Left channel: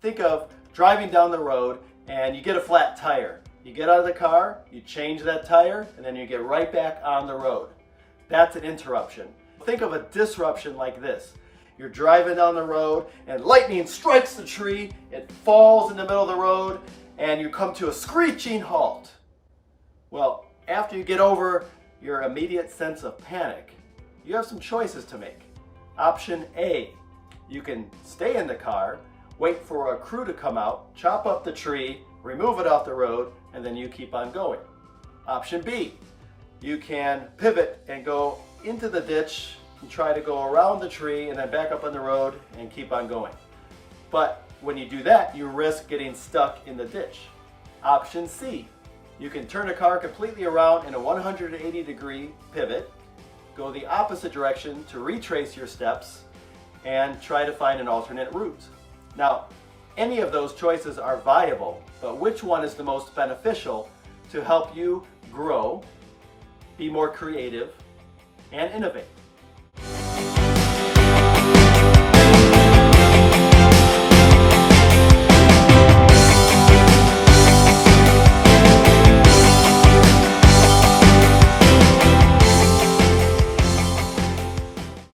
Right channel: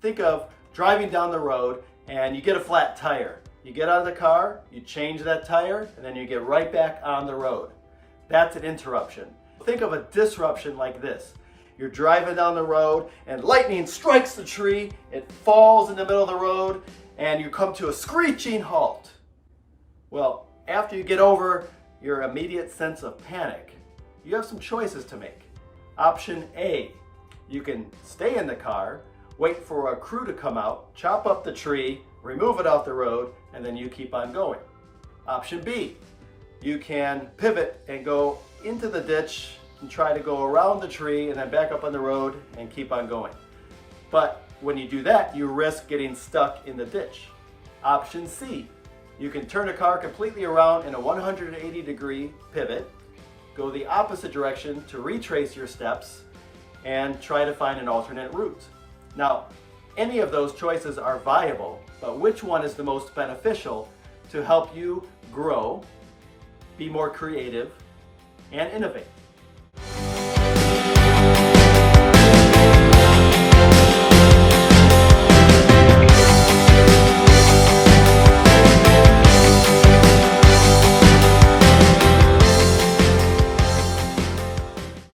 Think of driving down the road and you get a flat tire. You get out of the car, you change that tire, and then you get right back on the road. That's an interruption. Think of a disruption like this. You're driving down the road and lightning strikes the tree, it falls in the middle of the road, and you come to a screeching halt. Well, after you get over your immediate sense of panic, you have some choices to make. Option A, you can stay in the car, wait for a crew to come out, chop up the tree, remove it off the road, and then you keep on going. Option B, you can pivot and go into the ditch and try to go around the tree and then back up on the road and keep on going. But when you do that, you risk getting stuck in the ditch. Option C, you can turn the car completely around in a 180-degree pivot, go the opposite direction to retrace your steps, and try to find an alternate route. Now, any of those choices are viable, but which one is the most beneficial to help you grow, be more creative, and innovate?